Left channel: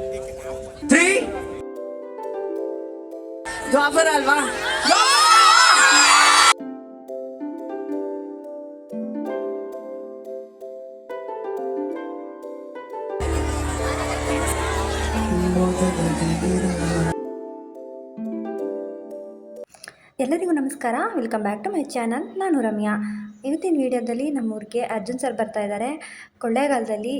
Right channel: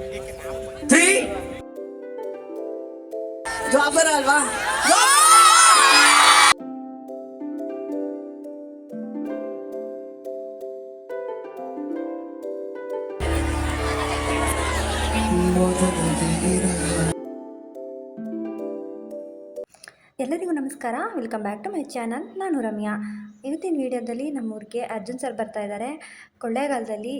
Three ದ್ವಾಪರ ಅಲ್ವಾ? ಎಲ್ಲರಿಗೂ ನಮಸ್ಕಾರ, welcome back to my channel. ನಾನು ರಮ್ಯಾ. ಇವತ್ತಿನ ವಿಡಿಯೋದಲ್ಲಿ ನಮ್ಮೂರಿಗೆ ಅರ್ಜುನ್ ಸರ್ ಬರ್ತಾ ಇದ್ದಾರೆ. ಕೊಳ್ಳೇಗಾಲದಲ್ಲಿ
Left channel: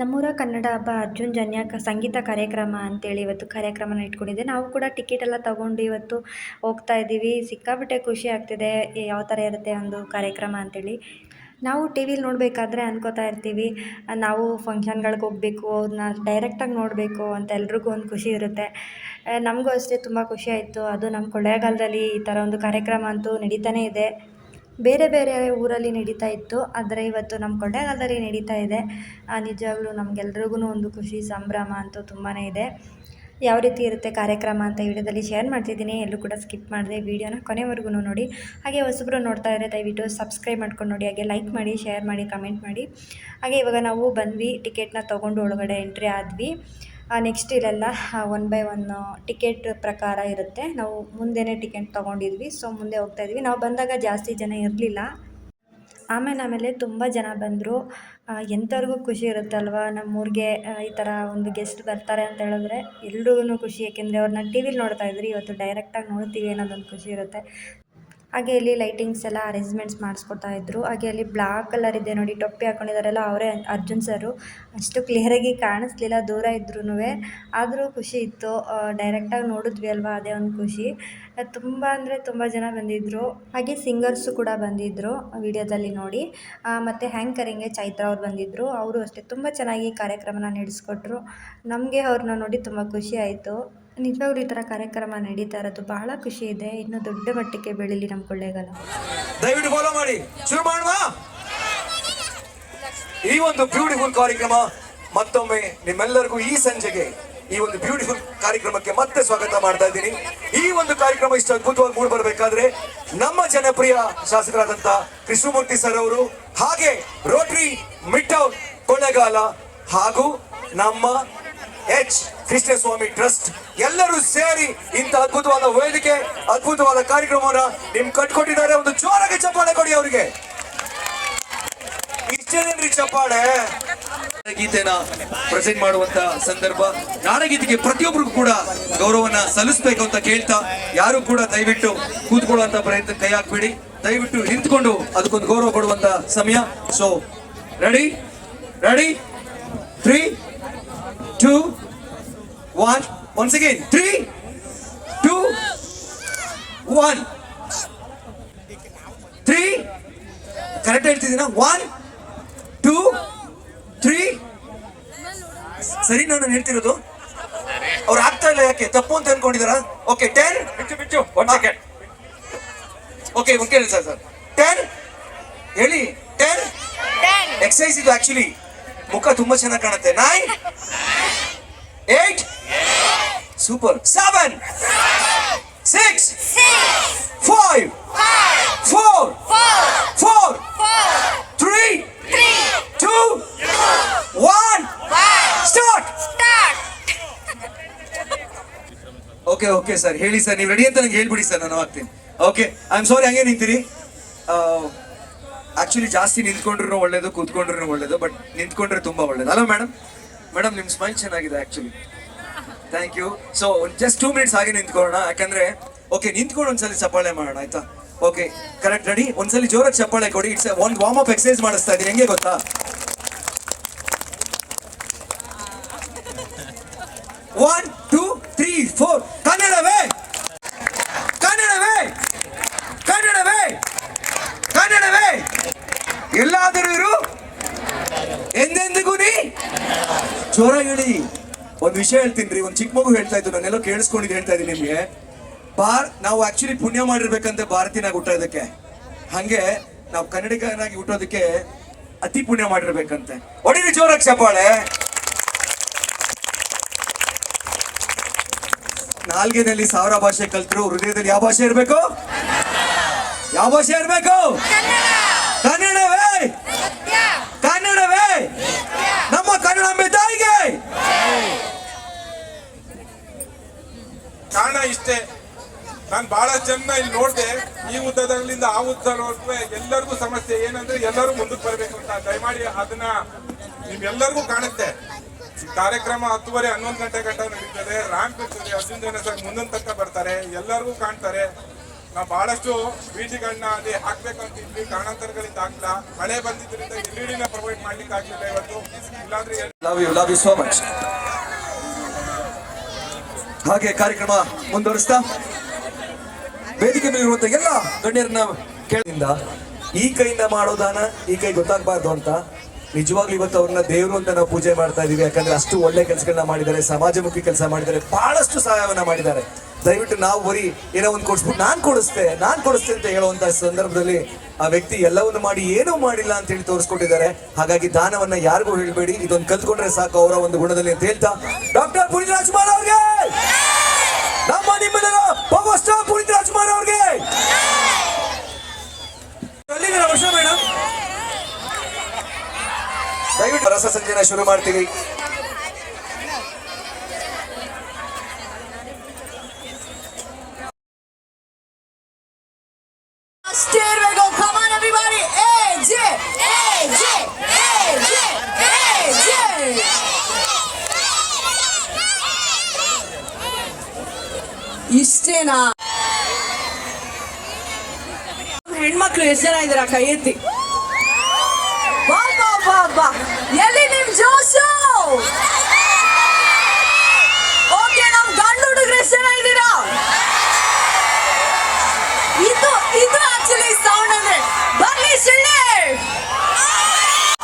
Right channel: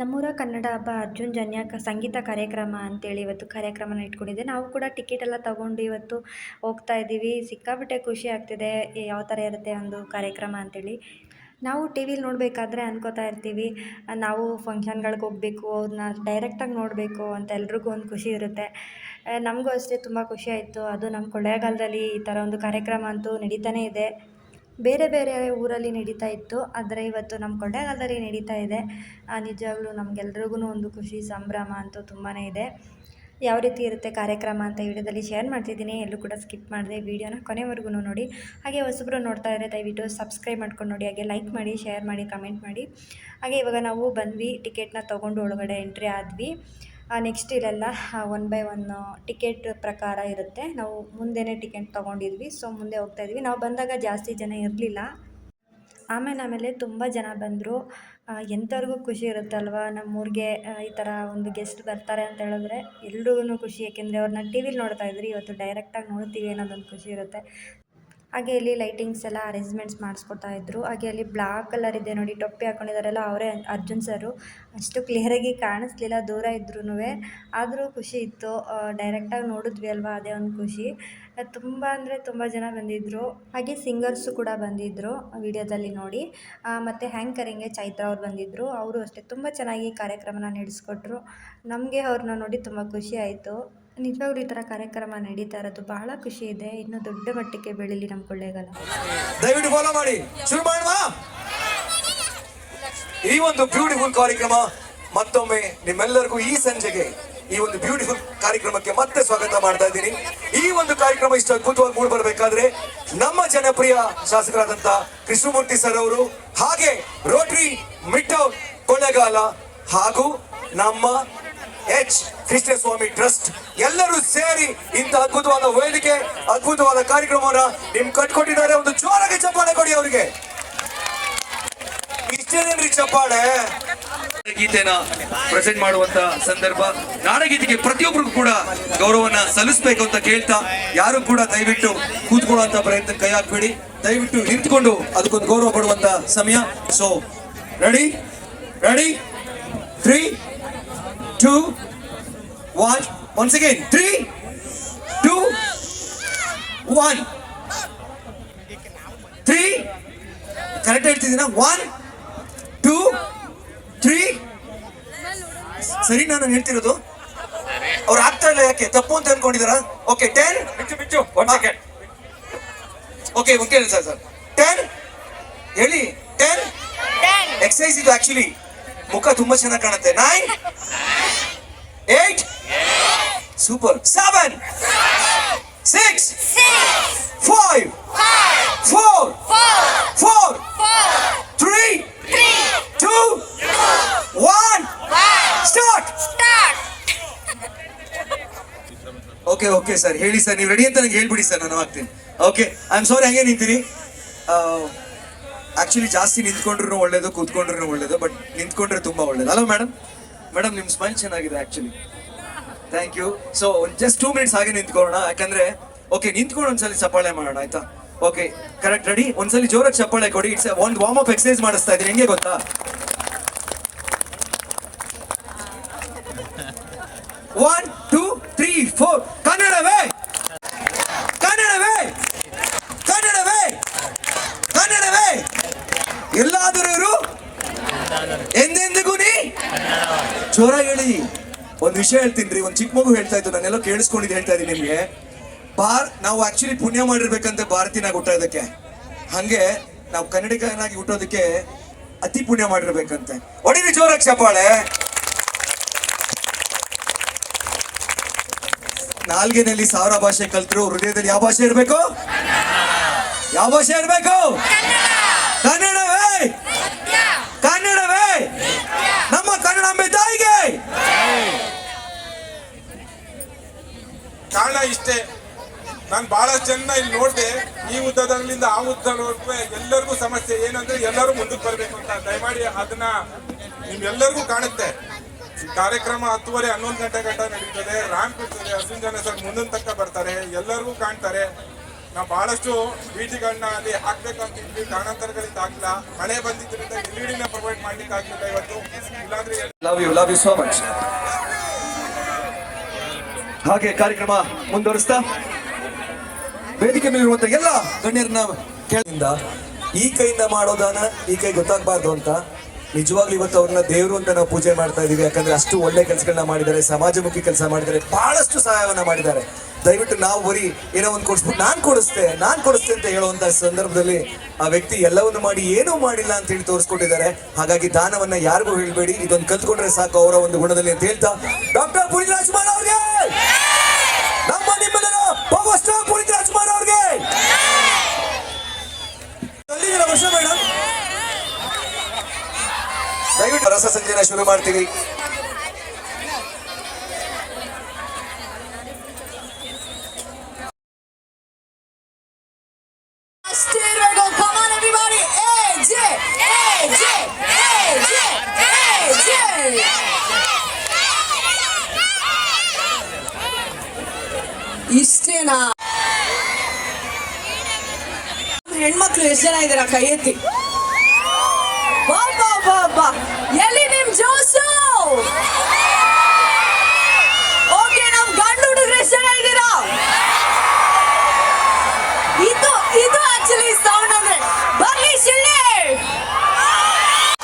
ನಮ್ಮೂರ ಕನ್ನಡ ಹಬ್ಬ ಅರ್ಜುನ್ ಜನ್ಯ ಸಂಗೀತ ಕಾರ್ಯಕ್ರಮ ಅಂತೇಳಿ ಇವತ್ತು ಕಾರ್ಯಕ್ರಮನ ಇಟ್ಕೊಂಡಿದ್ದೆ. ನಾವು ಕೂಡ ಟಿಕೆಟ್ ಎಲ್ಲ ತೊಗೊಂಡು ಇವತ್ತು ಹೋಗ್ತಾ ಇದ್ದೀವಿ. ಸಿಕ್ಕಾಪಟ್ಟೆ ಖುಷಿ ಆಗ್ತಿದೆ, ಯಾವ ಥರ ಇರುತ್ತೆ ಒಂದು ಕಾರ್ಯಕ್ರಮ ಅಂತೇಳಿ. ನಾವು ಟಿ ವಿಲಿ ನೋಡಬೇಕಾದ್ರೆ ಅನ್ಕೋತಾ ಇರ್ತೀವಿ, ನಾವು ಫಂಕ್ಷನ್ಗಳಿಗೆ ಹೋಗಬೇಕು, ಅವ್ರನ್ನ ಡೈರೆಕ್ಟಾಗಿ ನೋಡಬೇಕು ಅಂತ ಎಲ್ರಿಗೂ ಒಂದು ಖುಷಿ ಇರುತ್ತೆ. ನಮಗೂ ಅಷ್ಟೇ ತುಂಬ ಖುಷಿ ಆಯಿತು. ಅದು ನಮ್ಮ ಕೊಳ್ಳೇಗಾಲದಲ್ಲಿ ಈ ಥರ ಒಂದು ಕಾರ್ಯಕ್ರಮ ಅಂತೂ ನಡೀತಾನೇ ಇದೆ. ಬೇರೆ ಬೇರೆ ಊರಲ್ಲಿ ನಡೀತಾ ಇತ್ತು, ಆದರೆ ಇವತ್ತು ನಮ್ಮ ಕೊಳ್ಳೇಗಾಲದಲ್ಲಿ ನಡೀತಾ ಇದೆ. ನಿಜವಾಗ್ಲೂ ನಮಗೆಲ್ರಿಗೂ ಒಂದು ಖುಷಿ, ಸಂಭ್ರಮ ಅಂತೂ ತುಂಬಾ ಇದೆ. ಯಾವ ರೀತಿ ಇರುತ್ತೆ ಕಾರ್ಯಕ್ರಮ ಅಂತ ವಿಡಿಯೋದಲ್ಲಿ ಶೇರ್ ಮಾಡ್ತಿದ್ದೀನಿ. ಎಲ್ಲರೂ ಕೂಡ ಸ್ಕಿಪ್ ಮಾಡಿದೆ ವಿಡಿಯೋನ ಕೊನೆವರೆಗೂ ನೋಡಿ. ಹಾಗೆ ಹೊಸಬ್ರು ನೋಡ್ತಾ ಇದ್ದರೆ ದಯವಿಟ್ಟು ಸಬ್ಸ್ಕ್ರೈಬ್ ಮಾಡ್ಕೊಂಡು ನೋಡಿ, ಹಾಗೆ ಲೈಕ್ ಮಾಡಿ, ಶೇರ್ ಮಾಡಿ, ಕಮೆಂಟ್ ಮಾಡಿ. ಹಾಗೆ ಇವಾಗ ನಾವು ಬಂದ್ವಿ, ಟಿಕೆಟ್ನ ತೊಗೊಂಡು ಒಳಗಡೆ ಎಂಟ್ರಿ ಆದ್ವಿ. ನೆಕ್ಸ್ಟ್ ಇಲ್ಲೆಲ್ಲ 1 by 1 ಟಿಕೆಟ್ ಪ್ರಕಾರ ಇರುತ್ತೆ. ನಾವು ಮುಂದೆನೇ ಟಿಕೆಟ್ ತೊಗೊಂಡಿದ್ವಿ, ಸೊ ಮುಂದೆ ಹೋಗ್ತಾಯಿದ್ವಿ. ನಾವು ಬಂದಾಗ ಜಾಸ್ತಿ ಜನ ಇರಲಿಲ್ಲ, ಆಮೇಲೆ ತುಂಬ ಜನ ಬಂದರು. ಎಂಥವ್ರಿಗೂ ಖುಷಿ ಇರುತ್ತಲ್ವ, ನಮ್ಮೂರಿಗೆ ಈ ಥರ ಒಂದು ಗೆಸ್ಟ್ ಬರ್ತಾರೆ ಅಂತ ಹೇಳಿದ್ರೆ ಎಲ್ರಿಗೂ ಖುಷಿ. ಯಾಕೆಂದರೆ ಅವ್ರನ್ನ ಟಿ ವಿಲಿ ನೋಡ್ತಾ ಇದ್ರಿ, ಇವತ್ತು ಡೈರೆಕ್ಟಾಗಿ ನೋಡ್ತೀವಿ ಅನ್ನೋದೊಂದು ಖುಷಿ ಇರುತ್ತೆ. ಹಾಗೆ ಇಲ್ಲಿ ಲೈಟಿಂಗ್ಸ್ ಎಲ್ಲ ಅರೇಂಜ್ಮೆಂಟ್ಸ್ ಮಾಡಿಸ್ಕೊಡ್ತಾ ಇದ್ದರು. ಹಾಗೆ ಅಲ್ಲಿ ಬ್ಲಾಕ್ ಕಲರ್ ಇದೆ ನೋಡಿ, ಟೊಪ್ಪಿ ಹಾಕ್ಕೊಂಡಿದ್ದಾರಲ್ಲ, ಅವರೇ ಅರ್ಜುನ್ ಸರು. ಅಷ್ಟು ಕ್ಲಿಯರಾಗಿ ಕಾಣಿಸ್ಲಿಲ್ಲ, ದೂರ ಇದ್ರೂ ಆದರೂ ಖುಷಿ ಇತ್ತು. ಡೈರೆಕ್ಟಾಗಿ ನೋಡಿದ್ವಿ ಅಲ್ವಾ, ಅದೇ ಒಂದು ಖುಷಿ. ತುಂಬ ಅಂದರೆ ತುಂಬ ಜನ ಬಂದಿದ್ದರು. ಹಾಗೆ ಸಿಂಗರ್ಸು ಕೂಡ ಬಂದಿದ್ದರು ವಿಡಿಯೋದಲ್ಲಿ ನೋಡಿ. ಮತ್ತು ಹ್ಯಾಂಕರಿಂಗ್ಗೆ ಚೈತ್ರ ಅವ್ರು ಬಂದಿದ್ದರು. ಅವರು ಅಷ್ಟೇ ತುಂಬ ಚೆನ್ನಾಗಿ ಕಾರ್ಯಕ್ರಮನ ನಡೆಸ್ಕೊಟ್ರು. ನಮಗೆ ಅವ್ರನ್ನ ನೋಡಿ ತುಂಬ ಖುಷಿ ಆಯಿತು. ನಿಜವಾಗ್ಲೂ ಈ ಥರ ಕಾರ್ಯಕ್ರಮ ನಡೀತಾ ಇರೋದು ಬಹಳ ಖುಷಿ ಇದೆ. ಇನ್ನೂ ದೊಡ್ಡ ಮಟ್ಟಕ್ಕೆ ಬೆಳೀಲಿ ನಮ್ಮ ಕೊಳ್ಳೇಗಾಲ. ದಯವಿಟ್ಟು ಫಾಲೋ ಮಾಡಿ, ಶುರು ಮಾಡುವ. ಈ ಒಂದು ಬ್ಯೂಟಿಫುಲ್ ಕಾರ್ಯಕ್ರಮ ಮತ್ತೊಮ್ಮೆ ನಿಮ್ಮೆಲ್ಲರಿಗೂ ಈ ಸಂಜೆಗೆ ಈ ಒಂದು ಬ್ಯೂಟಿಫುಲ್ ಕಾರ್ಯಕ್ರಮಕ್ಕೆ ಮತ್ತೆ ಸ್ವಾಗತ ಮಾಡ್ತಾ ಇದ್ದೀನಿ. ಈ ಒಂದು ಕಾರ್ಯಕ್ರಮ ಇಷ್ಟು ಅದ್ಭುತವಾಗಿ ಮೂಡಿ ಬರಬೇಕಾದ್ರೆ ನಮ್ಮ ಜನಪ್ರಿಯ ಶಾಸಕರಾದಂತ ಕೃಷ್ಣಮೂರ್ತಿ ಸರ್ ಅವರು, ಹಾಗೆ ರೋಟರಿ ಮಿಡ್ ಟೌನ್ ಕೊಳ್ಳೇಗಾಲ ಹಾಗೂ ನಮ್ಮ ಎಚ್ ಕೃಷ್ಣಸ್ವಾಮಿ ಟ್ರಸ್ಟ್ ಎಲ್ಲರೂ ಸೇರಿ ಇಂಥ ಅದ್ಭುತವಾದ ವೇದಿಕೆ, ಅದ್ಭುತವಾದ ಕಾರ್ಯಕ್ರಮವನ್ನ ನಿಮ್ ಕಟ್ಕೊಟ್ಟಿದ್ದಾರೆ. ಒಂದು ಜೋರಾಗಿ ಚಪ್ಪಾಳೆ ಕೊಡಿ ಅವರಿಗೆ. ಇಷ್ಟೇನೇನ್ರಿ ಚಪ್ಪಾಳೆ. ಗೀತೆನ ಪ್ರೆಸೆಂಟ್ ಮಾಡುವಂತ ಸಂದರ್ಭ, ನಾಡಗೀತೆಗೆ ಪ್ರತಿಯೊಬ್ಬರಿಗೂ ಕೂಡ ಗೌರವನ ಸಲ್ಲಿಸಬೇಕು ಅಂತ ಕೇಳ್ತಾ, ಯಾರು ಕೂಡ ದಯವಿಟ್ಟು ಕೂತ್ಕೊಳ್ಳುವಂತ ಪ್ರಯತ್ನ ಕೈ ಹಾಕ್ಬೇಡಿ. ದಯವಿಟ್ಟು ನಿಂತ್ಕೊಂಡು ಅದಕ್ಕೊಂದು ಗೌರವ ಕೊಡುವಂತ ಸಮಯ. So ready ready 3, 2, 1. Once again, 3, 2, 1. 3 correct ಹೇಳ್ತಿದ್ದೀನ? 1, 2, 3. ಸರಿ ನಾನು ಹೇಳ್ತಿರೋದು? ಅವ್ರು ಆಗ್ತಾ ಇಲ್ಲ, ಯಾಕೆ ತಪ್ಪು ಅಂತ ಅನ್ಕೊಂಡಿದಾರ? ಓಕೆ 10. One second. ಓಕೆ ಒಂದು ಕೇಳಿ ಸರ್ 10 ಹೇಳಿ. 10 ಎಕ್ಸಸೈಸ್ ಇದು ಆಕ್ಚುಲಿ. ಮುಖ ತುಂಬಾ ಚೆನ್ನಾಗಿ ಕಾಣುತ್ತೆ. 9, 8, ಸೂಪರ್. 7, 6, 5, 4, 3, 2, 1. ಸ್ಟಾರ್ಟ್. ಓಕೆ ಸರ್ ಹೇಳಿ ಸರ್, ನೀವು ರೆಡಿ ಅಂತ ನಂಗೆ ಹೇಳ್ಬಿಡಿ ಸರ್, ನಾನು ಆಗ್ತೀನಿ. ಓಕೆ, ಐ ಆಮ್ ಸಾರಿ, ಹಂಗೆ ನಿಂತೀರಿ. ಆಕ್ಚುಲಿ ಜಾಸ್ತಿ ನಿಂತ್ಕೊಂಡ್ರು ಒಳ್ಳೇದು, ಕೂತ್ಕೊಂಡ್ರು ಒಳ್ಳೇದು, ಬಟ್ ನಿಂತ್ಕೊಂಡ್ರೆ ತುಂಬಾ ಒಳ್ಳೇದು ಅಲ್ಲ ಮೇಡಮ್? ಮೇಡಮ್ ನಿಮ್ ಸ್ಮೈಲ್ ಚೆನ್ನಾಗಿದೆ actually, thank you. So just 2 minutes ಹಾಗೆ ನಿಂತ್ಕೊಳ್ಳೋಣ, ಯಾಕಂದ್ರೆ ಓಕೆ ನಿಂತ್ಕೊಂಡು ಒಂದ್ಸಲಿ ಚಪ್ಪಾಳೆ ಮಾಡೋಣ ಆಯ್ತಾ? Okay correct, ready? ಒಂದ್ಸಲಿ ಜೋರಾಗಿ ಚಪ್ಪಾಳೆ ಕೊಡಿ. ಇಟ್ಸ್ ಒಂದು ವಾರ್ಮ್ ಅಪ್ ಎಕ್ಸರ್ಸೈಸ್ ಮಾಡಿಸ್ತಾ ಇದೀನಿ, ಹೆಂಗೆ ಗೊತ್ತಾ? 1, 2, 3, 4. ಕನ್ನಡವೇ ಕನ್ನಡವೇ ಕನ್ನಡವೇ ಕನ್ನಡವೇ ಎಲ್ಲಾದರೂ ಇರು, ಎಂದೆಂದಿಗೂ ನೀ. ಜೋರಾಗಿ ಹೇಳಿ. ಒಂದು ವಿಷಯ ಹೇಳ್ತೀನಿ, ಒಂದು ಚಿಕ್ಕ ಮಗು ಹೇಳ್ತಾ ಇದ್ದು, ನಾನೆಲ್ಲ ಕೇಳಿಸ್ಕೊಂಡಿದ್ದು ಹೇಳ್ತಾ ಇದ್ದೀನಿ ನಿಮ್ಗೆ. ನಾವು ಆಕ್ಚುಲಿ ಪುಣ್ಯ ಮಾಡಿರ್ಬೇಕಂತೆ ಭಾರತೀಯನಾಗಿ ಹುಟ್ಟೋದಕ್ಕೆ, ಹಂಗೆ ನಾವು ಕನ್ನಡಿಗನಾಗಿ ಹುಟ್ಟೋದಕ್ಕೆ ಅತಿ ಪುಣ್ಯ ಮಾಡಿರ್ಬೇಕಂತೆ. ಹೊಡಿರಿ ಜೋರಾಗಿ ಚಪ್ಪಾಳೆ. ನಾಲ್ಗೆನಲ್ಲಿ 1000 ಭಾಷೆ ಕಲ್ತರು, ಹೃದಯದಲ್ಲಿ ಯಾವ ಭಾಷೆ ಇರಬೇಕು? ಯಾವ ಭಾಷೆ ಇರಬೇಕು? ಕನ್ನಡವೇ ಕನ್ನಡವೇ. ನಮ್ಮ ಕನ್ನಡಾಂಬೆ ತಾಯಿಗೆ ಕಾರಣ ಇಷ್ಟೇ. ನಾನು ಬಹಳಷ್ಟು ಜನ ಇಲ್ಲಿ ನೋಡಿದೆ, ಈ ಉದ್ದದಲ್ಲಿಂದ ಆ ಉದ್ದದವರೆಗೂ ಎಲ್ಲರಿಗೂ ಸಮಸ್ಯೆ ಏನಂದ್ರೆ ಎಲ್ಲರೂ ಮುಂದಕ್ಕೆ ಬರಬೇಕು ಅಂತ. ದಯಮಾಡಿ ಅದನ್ನ ನಿಮ್ಗೆಲ್ಲರಿಗೂ ಕಾಣುತ್ತೆ. ಕಾರ್ಯಕ್ರಮ 10:30 11 ಗಂಟೆ ಗಂಟ ನಡೀತದೆ, ರ್ಯಾಂಪ್ ಇರ್ತದೆ, 10 ಜನ ಸರ್ ಮುಂದಿನ ತನಕ ಬರ್ತಾರೆ, ಎಲ್ಲರಿಗೂ ಕಾಣ್ತಾರೆ. ನಾವು ಬಹಳಷ್ಟು ಬೀಟಿಗಳನ್ನ ಅಲ್ಲಿ ಹಾಕ್ಬೇಕಂತ ಇದ್ವಿ, ಕಾರಣಾಂತರಗಳಿಂದ ಆಗ್ಲಿಲ್ಲ. ಮಳೆ ಬಂದಿದ್ದರಿಂದ ಎಲ್ಇಡಿನ ಪ್ರೊವೈಡ್ ಮಾಡ್ಲಿಕ್ಕೆ ಆಗ್ಲಿಲ್ಲ ಇವತ್ತು. ಇಲ್ಲಾಂದ್ರೆ ಲವ್ ಯು ಸೋ ಮಚ್. ಹಾಗೆ ಕಾರ್ಯಕ್ರಮ ಮುಂದುವರಿಸ್ತಾ ವೇದಿಕೆ ಮೇಲಿರುವಂತ ಎಲ್ಲ ಗಣ್ಯರನ್ನ ಕೇಳಿಂದ ಈ ಕೈಯಿಂದ ಮಾಡೋ ದಾನ ಈ ಕೈ ಗೊತ್ತಾಗಬಾರ್ದು ಅಂತ ನಿಜವಾಗ್ಲೂ ಇವತ್ತು ಅವ್ರನ್ನ ದೇವರು ಅಂತ ನಾವು ಪೂಜೆ ಮಾಡ್ತಾ ಇದೀವಿ. ಯಾಕಂದ್ರೆ ಅಷ್ಟು ಒಳ್ಳೆ ಕೆಲಸಗಳನ್ನ ಮಾಡಿದ್ದಾರೆ, ಸಮಾಜಮುಖಿ ಕೆಲಸ ಮಾಡಿದ್ದಾರೆ, ಬಹಳಷ್ಟು ಸಹಾಯವನ್ನ ಮಾಡಿದ್ದಾರೆ. ದಯವಿಟ್ಟು ನಾವು ಬರೀ ಏನೋ ಒಂದು ಕೊಡಿಸ್ಬಿಟ್ಟು ನಾನ್ ಕೊಡಿಸ್ತೆ ಅಂತ ಹೇಳುವಂತ ಸಂದರ್ಭದಲ್ಲಿ ಆ ವ್ಯಕ್ತಿ ಎಲ್ಲವನ್ನು ಮಾಡಿ ಏನೂ ಮಾಡಿಲ್ಲ ಅಂತ ಹೇಳಿ ತೋರಿಸ್ಕೊಟ್ಟಿದ್ದಾರೆ. ಹಾಗಾಗಿ ದಾನವನ್ನ ಯಾರಿಗೂ ಹೇಳ್ಬೇಡಿ, ಇದೊಂದು ಕಲ್ತ್ಕೊಂಡ್ರೆ ಸಾಕು ಅವರ ಒಂದು ಗುಣದಲ್ಲಿ ಅಂತ ಹೇಳ್ತಾ ಡಾಕ್ಟರ್ ಪುನೀತ್ ರಾಜ್ಕುಮಾರ್ ಅವ್ರಿಗೆ, ನಮ್ಮ ನಿಮ್ಮೆಲ್ಲರ ಪವರ್ ಸ್ಟಾರ್ ಪುನೀತ್ ರಾಜ್ಕುಮಾರ್ ಅವ್ರಿಗೆ ವರ್ಷ ಮೇಡಮ್. ದಯವಿಟ್ಟು ರಸ ಸಂಚಯನ ಶುರು ಮಾಡ್ತೀವಿ. Come on, everybody! AJ! AJ! AJ! AJ! ಇಷ್ಟೇನಾ? ಹೆಣ್ಮಕ್ಳು ಎಷ್ಟು ಜನ ಇದ್ದೀರಾ? ಕೈ ಎತ್ತಿ. ಬಾ ಬಾ ಬಾ ಬಾ. ಎಲ್ಲಿ ನಿಮ್ ಜೋಶು? ಓಕೆ, ನಮ್ ಗಂಡು ಹುಡುಗರು ಎಷ್ಟು ಜನ ಇದ್ದೀರಾ? ಇದು ಆಕ್ಚುಲಿ ಸೌಂಡ್ ಅಂದ್ರೆ ಬರ್ಲಿ ಶಿಳ್ಳೆ.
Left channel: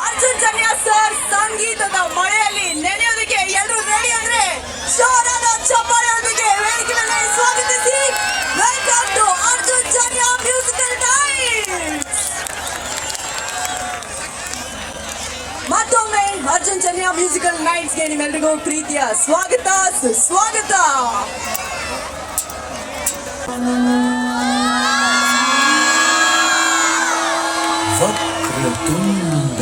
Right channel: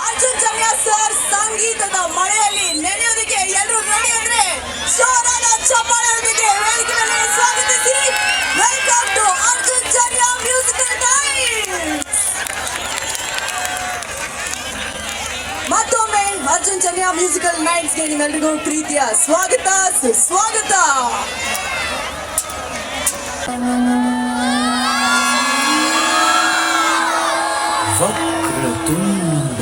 ಅರ್ಜುನ್ ಜನ್ಯ ಸರ್ ಸಂಗೀತದ ಮಳೆಯಲ್ಲಿ ನೆನೆಯೋದಕ್ಕೆ ಎಲ್ಲರೂ ರೆಡಿ ಅಂದ್ರೆ ಜೋರಾದ ಚಪ್ಪಾಳೆಯೊಂದಿಗೆ ವೇದಿಕೆ ಮೇಲೆ ಸ್ವಾಗತಿಸಿ. Welcome to Arjun Janya musical nights. ಮತ್ತೊಮ್ಮೆ ಅರ್ಜುನ್ ಜನ್ಯ ಮ್ಯೂಸಿಕಲ್ ನೈಟ್ಸ್ಗೆ ನಿಮ್ಮೆಲ್ಲರಿಗೂ ಪ್ರೀತಿಯ ಸ್ವಾಗತ ಸುಸ್ವಾಗತ. ವಕ್ರತುಂಡ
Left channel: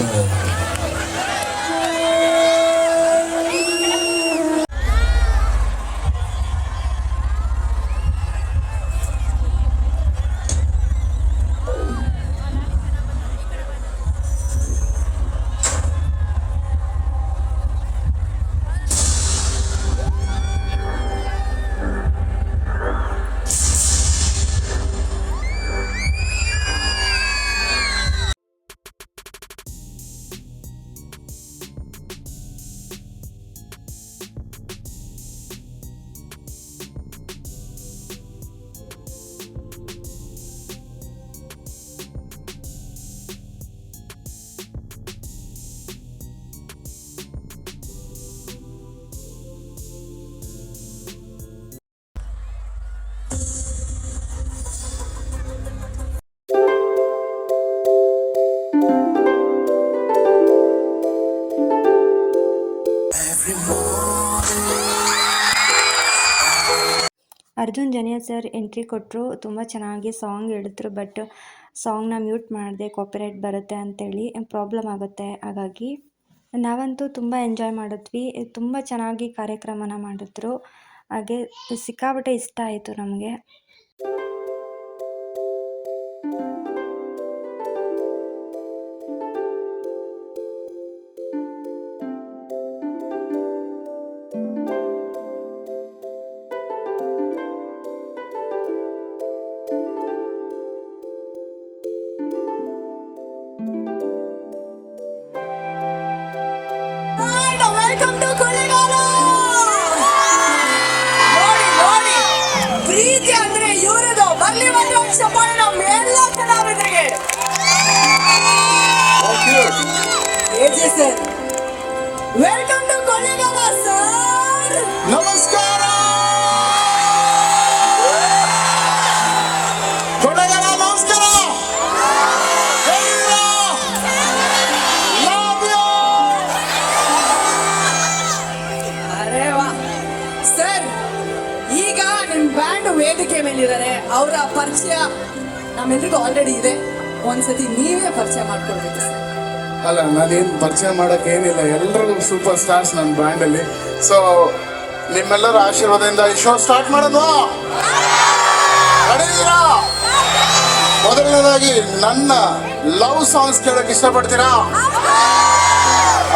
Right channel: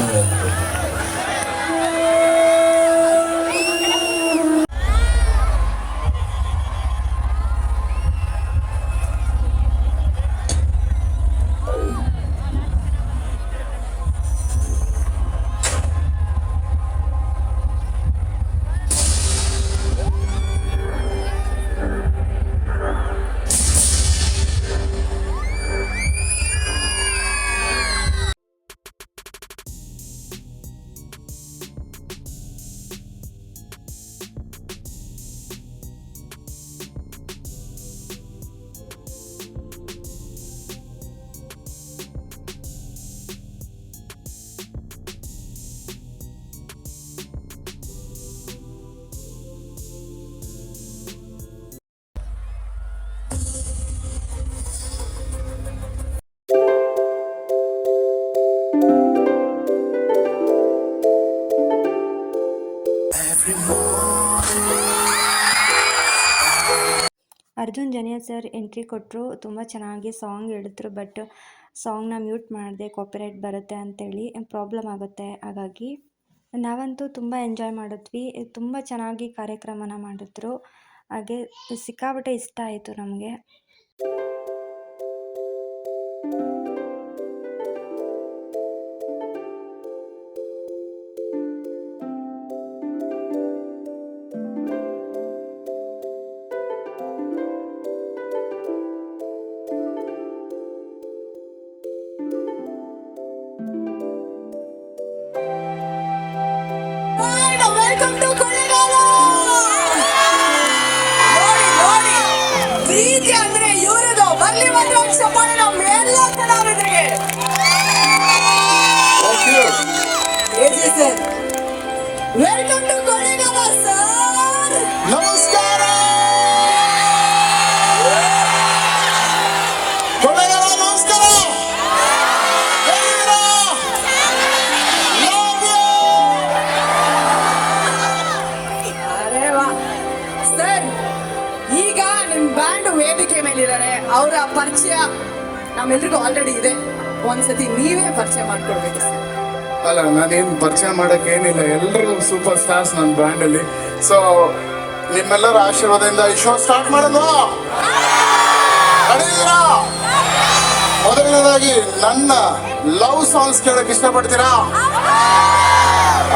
ಅರ್ಜುನ್ ಜನ್ಯ ಸರ್ ಎಂಟ್ರಿ ಕೊಟ್ಟರು, ತುಂಬ ಚೆನ್ನಾಗಿ ಸಾಂಗ್ ಹೇಳಿದ್ರು. ಬಟ್ ಸಾಂಗ್ನ ಮ್ಯೂಟ್ ಮಾಡಿದೆ, ಕಾಪಿರೈಟ್ ಬರುತ್ತೆ ಅಂತೇಳಿ ಪ್ರಾಬ್ಲಮ್ ಆಗುತ್ತೆ. ಹಾಗಾಗಿ ನಾವಂತೂ ತುಂಬ ಎಂಜಾಯ್ ಮಾಡಿದ್ವಿ, ತುಂಬ ಚೆನ್ನಾಗಿ ಕಾರ್ಯಕ್ರಮನ ಮಾಡಿದ್ರು. ಹಾಗೆ ಸಿಕ್ಕಾಪಟ್ಟೆ ಇಷ್ಟ ಆಯಿತು ನಮಗೆ. Welcome to Kollegal. ನೋಡಿ ಪ್ರೀತಿ ಅಂದ್ರೆ ಇವರದು. ಬರ್ಲಿ ಒಂದು ಚಪ್ಪಾಳೆ ನಮ್ಮ ಎಲ್ಲ ಕಲಾವಿದರಿಗೆ. Sir welcome to Kollegal sir. ನಮಸ್ಕಾರ ಕೊಳ್ಳೇಗಾಲ, ನಮಸ್ಕಾರ. ಹೇಗಿದ್ದೀರಾ? Love you. ಅರೆ ವಾ ಸರ್, ಈಗ ನಿಮ್ ಬ್ಯಾಂಡ್ ವೇದಿಕೆ ಮೇಲಿದ್ದಾರೆ. ಅವರ ಪರಿಚಯ ನಮ್ಮೆಲ್ರಿಗೂ ಆಲ್ರೆಡಿ ಇದೆ. ಒಂದ್ಸತಿ ನೀವೇ ಪರಿಚಯ ಮಾಡ್ಕೊಡ್ಬೇಕು ಸರ್. ಅಲ್ಲ, ನಾನೇನು ಪರಿಚಯ ಮಾಡೋಕ್ಕೇನಿಲ್ಲ, ಎಲ್ಲರೂ ಸೂಪರ್ ಸ್ಟಾರ್ಸ್ ನನ್ನ ಬ್ಯಾಂಡಲ್ಲಿ. ಸೊ ನಿಮ್ಮೆಲ್ಲರ ಆಶೀರ್ವಾದದಿಂದ ಈ ಶೋ ಸ್ಟಾರ್ಟ್ ಮಾಡೋದು. ನಡೆಯಿರಾ? ಮೊದಲನೇದಾಗಿ ನನ್ನ ಲವ್ ಸಾಂಗ್ಸ್ ಕೇಳಕ್ ಇಷ್ಟಪಡ್ತೀರಾ?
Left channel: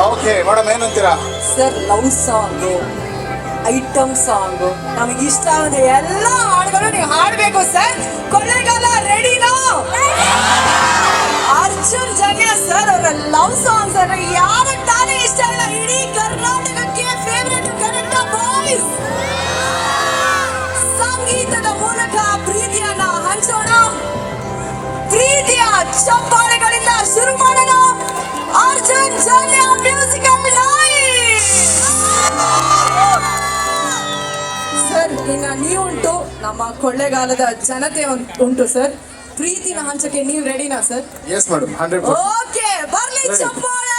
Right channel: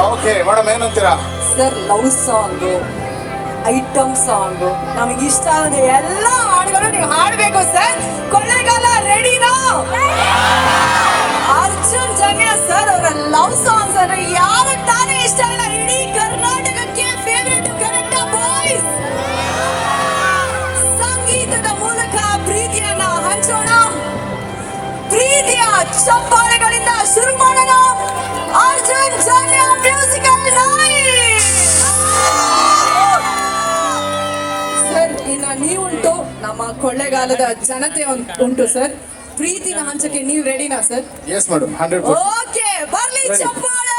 ಓಕೆ ಮೇಡಮ್, ಏನಂತೀರಾ? Sir, love song, item song, ನಮಗೆ ಇಷ್ಟ ಆದ ಎಲ್ಲ ಹಾಡುಗಳು ನೀವು ಹಾಡಬೇಕು ಸರ್. ಕೊಳ್ಳೇಗಾಲ ರೆಡಿನಾ? ಅರ್ಜುನ್ ಜನ್ಯ ಸರ್ ಅವರ ಲವ್ ಸಾಂಗ್ಸ್ ಅನ್ನ ಯಾರ ತಾನೇ ಇಷ್ಟ ಇಲ್ಲ? ಇಡೀ ಕರ್ನಾಟಕಕ್ಕೆ ಫೇವರೇಟ್ ಕರೆಕ್ಟ ಬಾಯ್ಸ್. ಸಂಗೀತದ ಮೂಲಕ ಪ್ರೀತಿಯನ್ನ ಹಂಚೋಣ, ಪ್ರೀತಿಯ ಚಪ್ಪಾಳೆಗಳಿಂದ ಶುರು ಮಾಡೋಣ. Arjun Janya musical night. Sir, ಇನ್ನ ನೀವುಂಟು, ನಮ್ಮ ಕೊಳ್ಳೇಗಾಲದ ಜನತೆ ಉಂಟು ಸರ್. ಪ್ರೀತಿನ ಹಂಚಕ್ಕೆ ನೀವು ರೆಡಿನಾ ಸರ್? Yes madam, 100%. ಓಕೆ, ಬರ್ಲಿ ಚಪ್ಪಾಳೆ.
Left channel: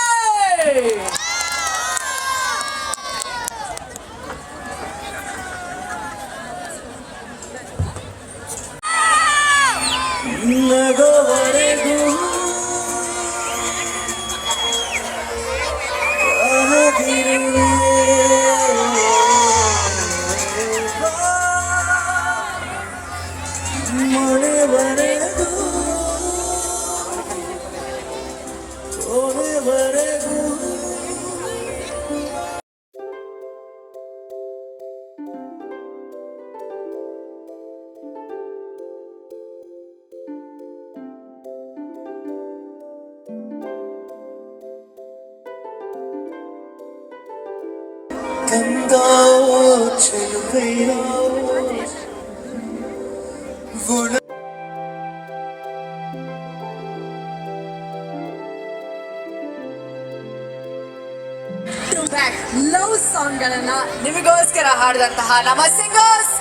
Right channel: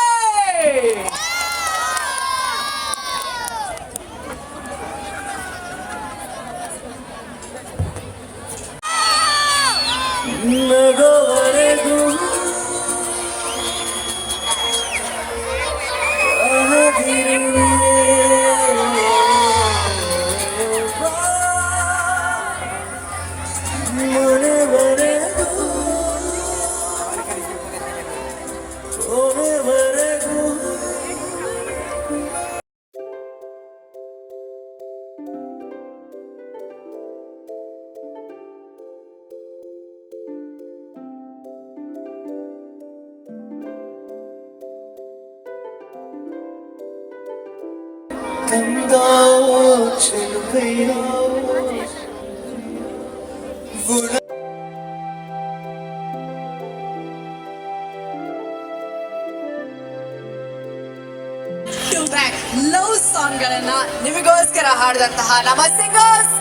ನಗೋವರೆಗೂ ಮಳೆವರೆಗೂ ಕೊನೆವರೆಗೂ ಕಂದ ಚೆಲುವೆಯೋ ಗುಣ ಲವ್ ಸಾಂಗ್ ಗಳನ್ನ ನಿಮಗೋಸ್ಕರ ಹಾಡಿದಂತಹ ನಮ್ಮ ಸಿಂಗರ್ಸ್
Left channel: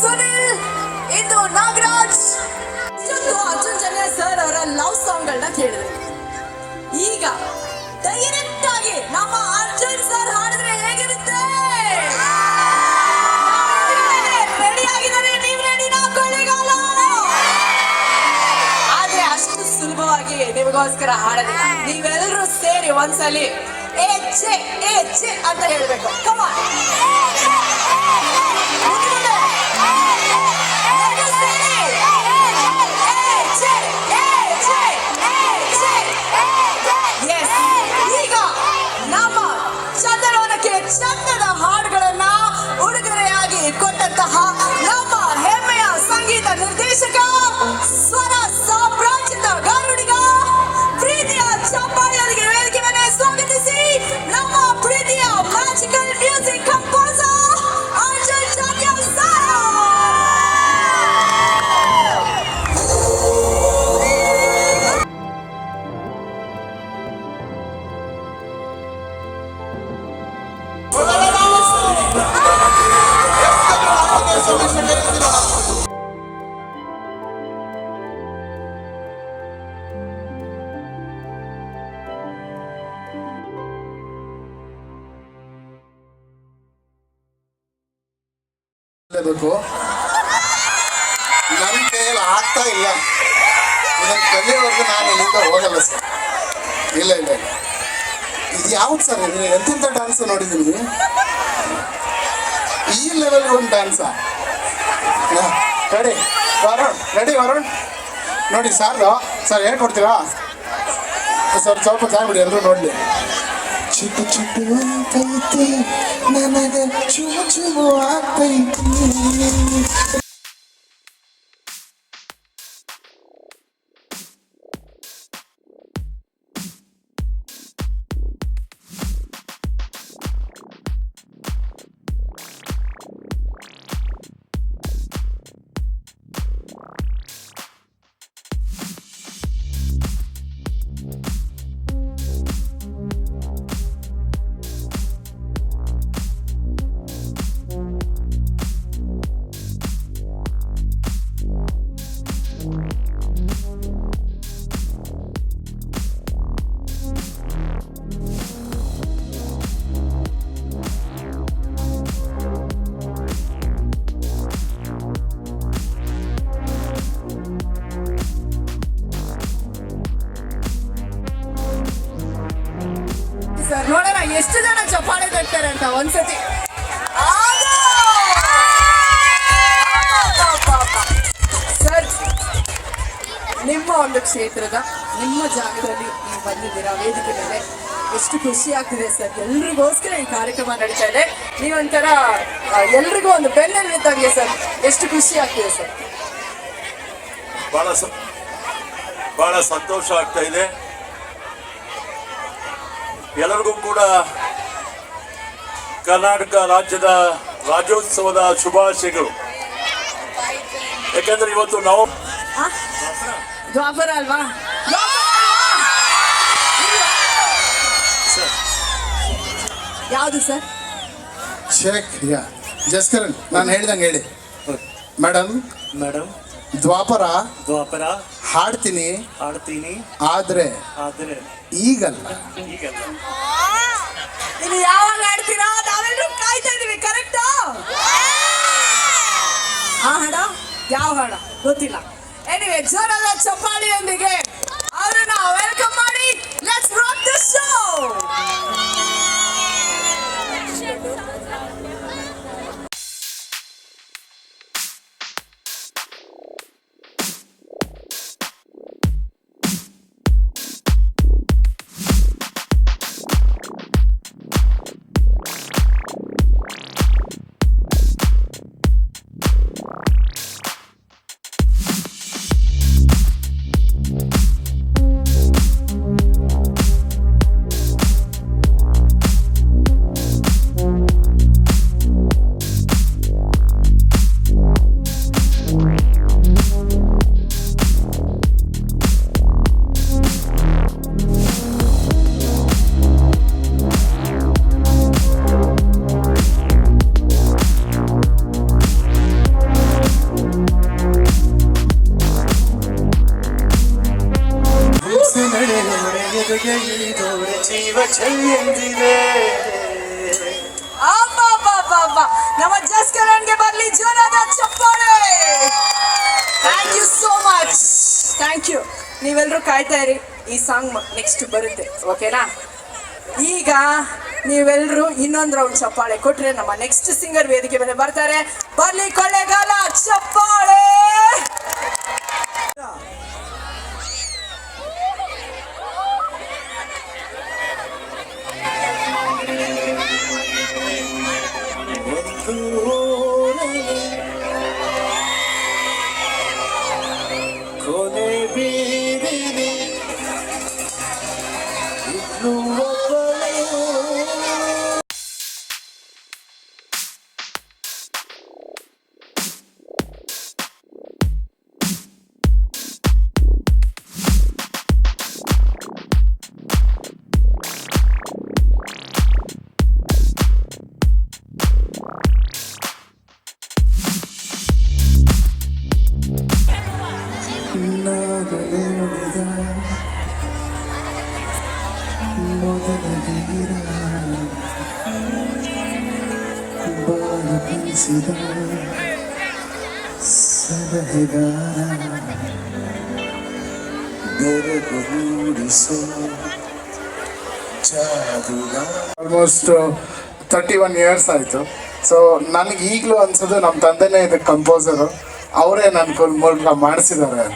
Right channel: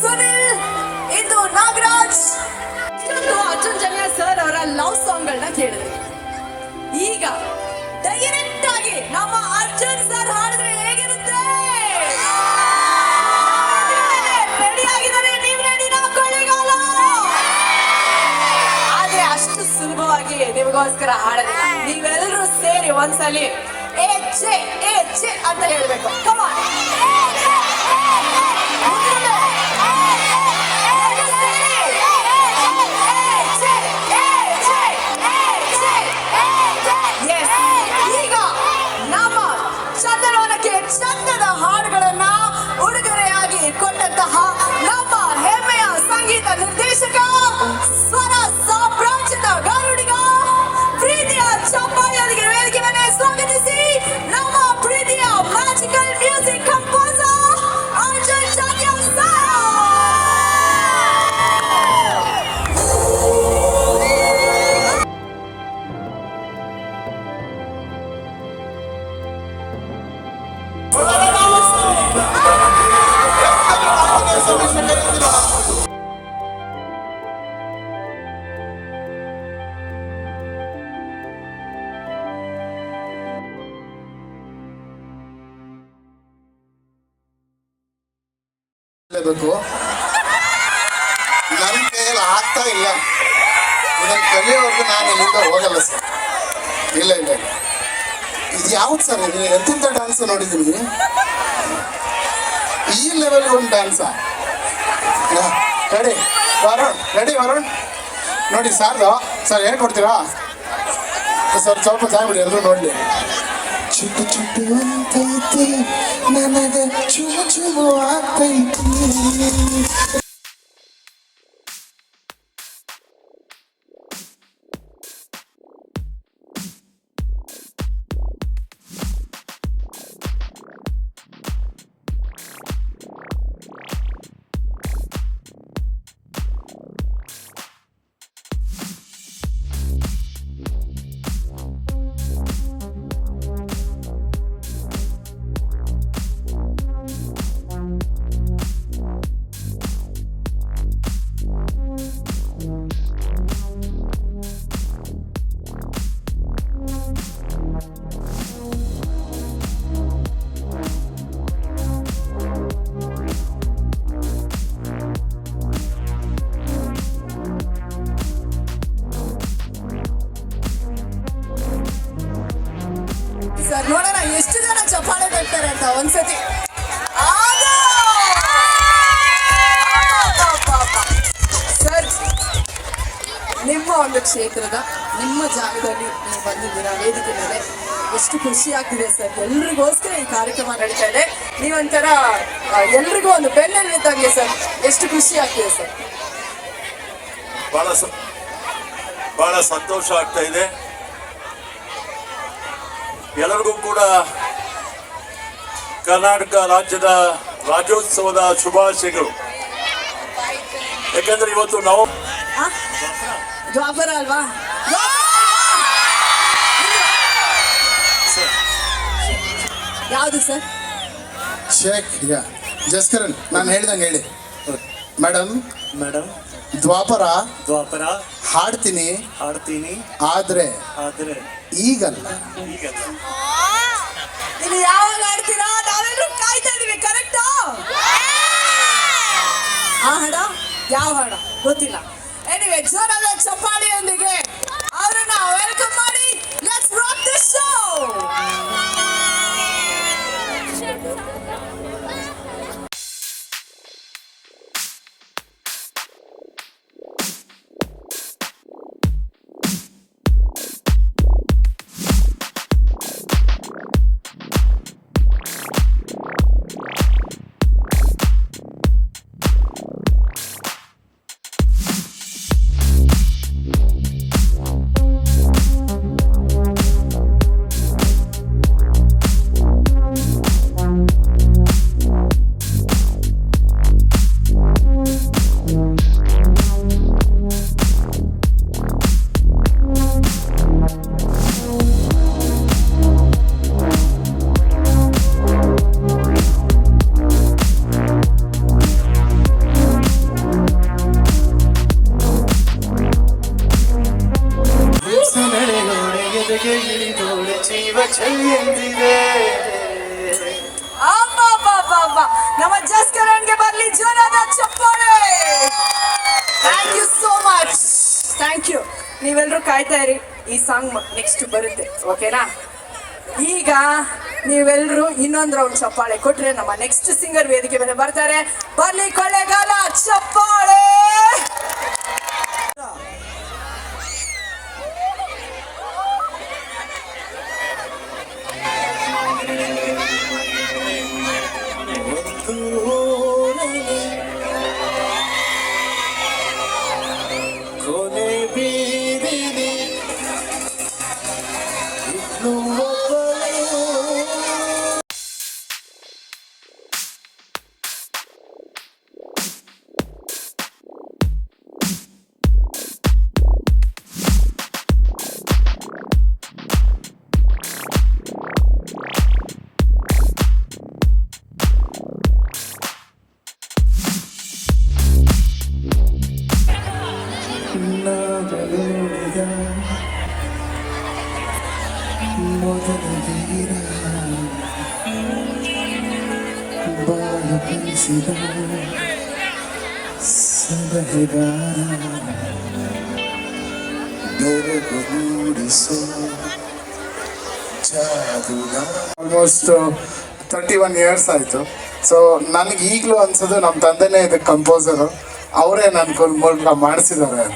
ಸುನಿಲ್, ಇಂದು ನಾಗರಾಜ್. ಇಷ್ಟೊಂದು ಅರ್ಜುನ್ ಜನ್ಯ ಸರ್ ಅವರ ಲವ್ ಸಾಂಗ್ ಗಳನ್ನ ಕೇಳಿದ್ರಿ. ಈಗ ಡೈರೆಕ್ಟ್ ಆಗಿ ನಮ್ಮ ಅರ್ಜುನ್ ಸರ್ ಹಾಡಿದ್ರೆ ಹೇಗಿರುತ್ತೆ? ರೆಡಿ ಆಗಿದ್ದಾರೆ? ನೀವು ರೆಡಿನಾ ಕೊಳ್ಳೇಗಾಲ? ಆದ್ರೆ ಅಷ್ಟು ಸುಲಭವಾಗಿ ನಿಮಗೋಸ್ಕರ ಹಾಡೋದಿಲ್ಲ. ನೀವೆಲ್ಲರೂ ಸೇರಿ ಒಂದ್ಸಲಿ ಏಚೆ ಏಚೆ ಅಂತ ಹೇಳ್ಬೇಕು. ಕಮಾನ್, ಈಗ ನಮ್ಮ ಚಂದನವನಕ್ಕೆ ಚಂದದ ಹಾಡುಗಳನ್ನ ಉಡುಗೊರೆಯಾಗಿ ಕೊಟ್ಟಂತಹ ನಮ್ಮ ಹೆಮ್ಮೆಯ ಸಂಗೀತ ನಿರ್ದೇಶಕ, ಸ್ವರ ಸಾಮ್ರಾಜ್ಯದ ಗಾರುಡಿಗ, ಪ್ರೀತಿಯ ಚಪ್ಪಾಳೆಯವರಿಗೆ ವೇದಿಕೆ ಮೇಲೆ ಸ್ವಾಗತಿಸಿ ನಮ್ಮ ಪ್ರೀತಿಯ magical music composer Arjun Janya sir. ಬೇಕು. ನನ್ನ ಕೈಯಲ್ಲಿ ಆಗ್ತಾ ಇಲ್ಲ. ಇದನ್ನು ಕಲಿಯೋವರೆಗೂ ನಾನು ಇಲ್ಲಿಂದ ಹೋಗಲ್ಲ ಸರ್. ಇಲ್ಲ ಇಲ್ಲ, ಇದು ಯಾವ್ದು ಸರ್? ಇದು ಎಂತೆಂಥ ಡ್ಯಾನ್ಸ್ ನೋಡಿದ್ದೀನಿ. ಈ ಲೆವೆಲ್ ಒಂದು ಡ್ಯಾನ್ಸಾ? Ready Varun, ready Varun. ನೋಡಿ ಸಾರ್ದು ಸರ್, ಹೇಳ್ಕೊಡ್ತೀರಾ ಸರ್? ಸ್ವಲ್ಪ ಜಾಗ ಬಿಡಿ, ಎಲ್ಲರೂ ನೋಡಲಿ. ಚುಟ್ಟು ಚುಟ್ಟು ಅಂತೈತಿ ನಮಗೆ ಚುಮು ಚುಮು ಆಗ್ತೈತಿ. ಸರ್ ನೋಡೋಣ ಎಷ್ಟು ಜನ ಚಪ್ಪಾಳೆ ತಟ್ತಾರೆ ಅಂತ ಒಂದ್ಸತಿ. ಕ್ಷೇತ್ರದ ನಿಮ್ಮ ಜಾಗದಲ್ಲಿ ನೀವು ಬಂದಿದ್ದೀರಾ ವೇದಿಕೆ ಮೇಲೆ. ಎಷ್ಟು ಖುಷಿ ಆಗ್ತಿದೆ ಸರ್, ಎಲ್ರಿಗೋಸ್ಕರ ಈ ಕಾರ್ಯಕ್ರಮ ನಡೀತಾ ಇದೆ. ನೀವೊಂಥರ ಎಲ್ರಿಗೂ ಒಂದು ಬೆನ್ನೆಲುಬಾಗಿ ಸರ್, ಎಷ್ಟು ಖುಷಿ ಆಗ್ತಿದೆ ಸರ್. ಬಹಳ ಸಂತೋಷ ಆಗ್ತಾ ಇದೆ. ಎಲ್ಲರಿಗೂ ಕೂಡ ಕರ್ನಾಟಕ ರಾಜ್ಯದ ರಾಜ್ಯೋತ್ಸವದ ಶುಭಾಶಯಗಳು. ಯಾಕಂದ್ರೆ ಇವತ್ತು ನಾವು ದ್ವಾಪರ ಅಲ್ವಾ? ಯಾವುದು ಸರ್? ಶೇಖ್ ಯಾ ಜಸ್ಕರನ್ ನಾನು ಹೇಳ್ದಂಗೆ ಹೇಳಿ. ಮೇಡಮ್ ದ್ವಾಪರ ಹಾಡ್ತೀನಿ ಆದ್ರೆ ಈಗಲ್ಲ. ಇನ್ನು ಯಾವಾಗ ಹೇಳ್ತೀರಾ? ನಾವೆಲ್ಲರೂ ಕಾಯ್ತಾ ಇದೀವಿ. ಕರೆಕ್ಟಾ? ಆ ಹಾಡ ಯಾವ ಹಾಡ ಗೊತ್ತಿಲ್ಲ. ಎನಿವೆ, ಜೋರಾದ ಚಪ್ಪಾಳಿಯೊಂದಿಗೆ ಅವರನ್ನ ವೆಲ್ಕಮ್ ಮಾಡಿ. Let's rock this show. ನಮ್ಮ ಜಸ್ಕರನ್ಗೆ ಬರಲಿ ಜೋರಾದ ಚಪ್ಪಾಳೆ. Thank you so much. Thank you. ನೀವೆಲ್ಲರೂ ಕಾಯ್ತಾ ಇರಿ, ಈ ಸಾಂಗ್ ನೆಕ್ಸ್ಟ್ ಬರುತ್ತೆ, ಓಕೆನಾ? ಈಗ ನೀವೆಲ್ಲರೂ ಇನ್ನೊಂದು ರೌಂಡ್ ಚಪ್ಪಾಳೆ ಕೊಟ್ರೆ ನಮ್ಮ ನೆಕ್ಸ್ಟ್ ಸಿಂಗರ್ ವೇದಿಕೆ ಮೇಲೆ ಬರ್ತಾರೆ. ಬರ್ಲಿ ಕೊಳ್ಳೇಗಾಲ ಚಪ್ಪಾಳೆ. ಆಲ್ಮೋಸ್ಟ್ 31 ಇಯರ್ಸ್ ಆಯಿತು. ಸೊ ನನಗೆ ಈಗಲೂ ಅನ್ಸೋದು ನಮ್ಮ ತಂದೆನೇ ಇದಕ್ಕೆ ಕಂಪೋಸರು, ಅವರೇ ನನ್ನ ಮೂಲಕ ಮಾಡಿಸಿದ್ದಾರೆ.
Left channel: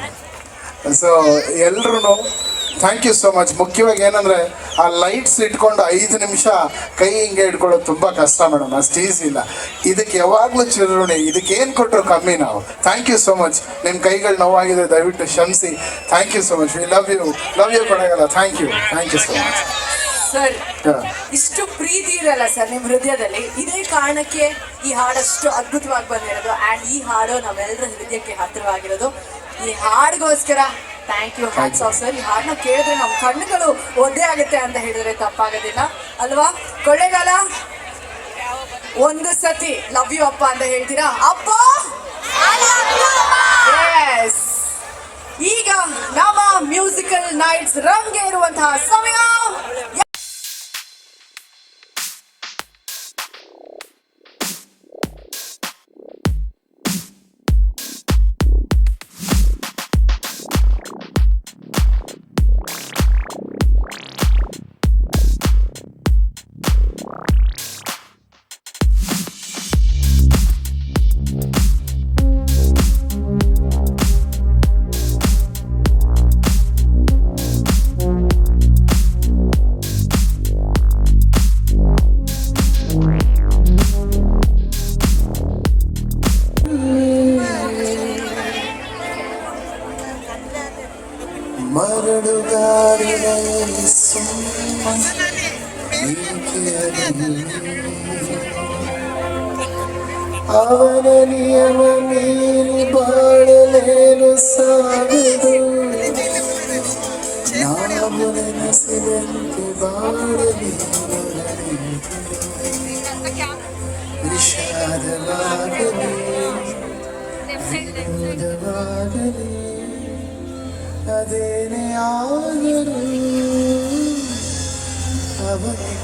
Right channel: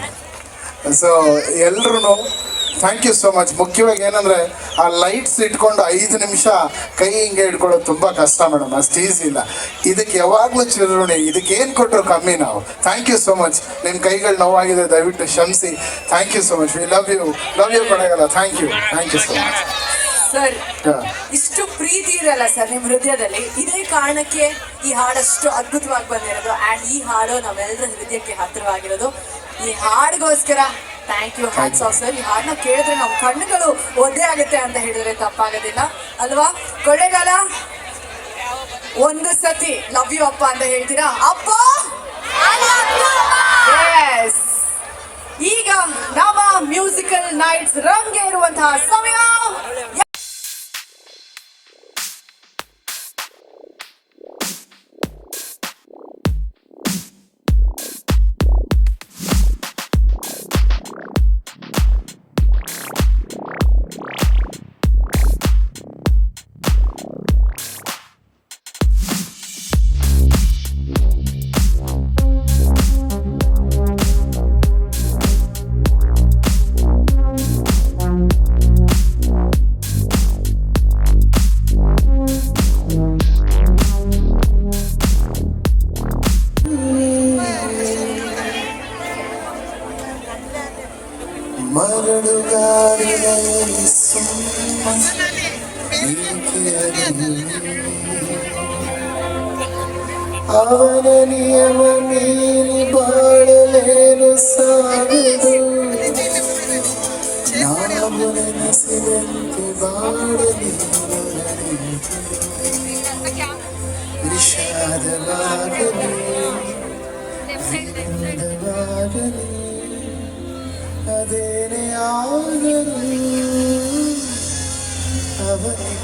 ಸೊ ಎಲ್ರೂ ಥ್ಯಾಂಕ್ ಯು ಸೋ ಮಚ್. ಮುಖ್ಯವಾಗಿ ಏನಂದರೆ ಆ ಲೈಟ್ಸ್ ಇಟ್ಕೊಂಡು 5 ನಿಮಿಷ ಕೈ ಹಿಂಗೆ ಇಟ್ಕೊಳ್ಳೋದು ತುಂಬ ಕಷ್ಟ ಮೇಡಮ್, ಅಷ್ಟು ಈಸಿ ಇಲ್ಲ. ಇದಕ್ಕೆ ಯಾವಾಗಲೂ ಚಿರುಣಿ, ಇದಕ್ಕೆ ಏನು ಕೊಟ್ಟರು ಕಮ್ಮಿ ನಾವು. Thank you so much. ನಿಮ್ಮ ಕೈಗಳು ನೋವಾಗಿದೆ, ದಯವಿಟ್ಟು ಕ್ಷಮಿಸಿ. Thank you so much. We love you ಕೊಡಗಲ್ಲ. Thank you so much sir. ಇಷ್ಟು ಪ್ರೀತಿ ಇರಲ್ಲ ಸರ್ ನಿಮ್ಮ ಹೃದಯದಲ್ಲಿ, ಇದೇ ಕಾರಣಕ್ಕೆ ಈ ಹಾಡಷ್ಟು ಅದ್ಭುತವಾಗಿ ಬಂದಿರೋದು. ಆ್ಯಂಡ್ ಈ ಹಾಡು ನಮ್ಮೆಲ್ಲರ ಹೃದಯಕ್ಕೆ ಹತ್ತಿರವಾಗಿರೋದು. ಈ ಹಾಡಿಗೋಸ್ಕರ thank you, hats off sir. ಈ ಹಾಡನ್ನ ಕೇಳಿದ್ರೆ ನಮ್ಮ ಕಣ್ಣುಗಳು ಒದ್ದೆ ಆಗುತ್ತೆ ಅಂತ ಹೇಳಿದ್ರೆ ತಪ್ಪಾಗೋದಿಲ್ಲ ಅಲ್ವಾ? ಕೊಳ್ಳೇಗಾಲ ಒಂದು ಸತಿ ಲವ್ ಯು ಅಪ್ಪ ಅಂತ ಹೇಳ್ತೀರಾ? ಅಪ್ಪ ಈಗ ನಮ್ಮ ಮ್ಯೂಸಿಕಲ್ ನೈಟ್ಸ್ ರಂಗೇರುವಂತಹ ಸಮಯ. ಅವನ ನಿಯಮ ಮೀರಿ ಬಾಳಲೇನು ಸಾಗದು ನಾವು ನೆನೆಸಿದಂತೆ ಬಾಳಲಿ ವಿಷಾದವಾಗಲಿ ವಿನೋದವಾಗಲಿ ಅದೇನೇ ಆದರೂ ಅವತ್ತು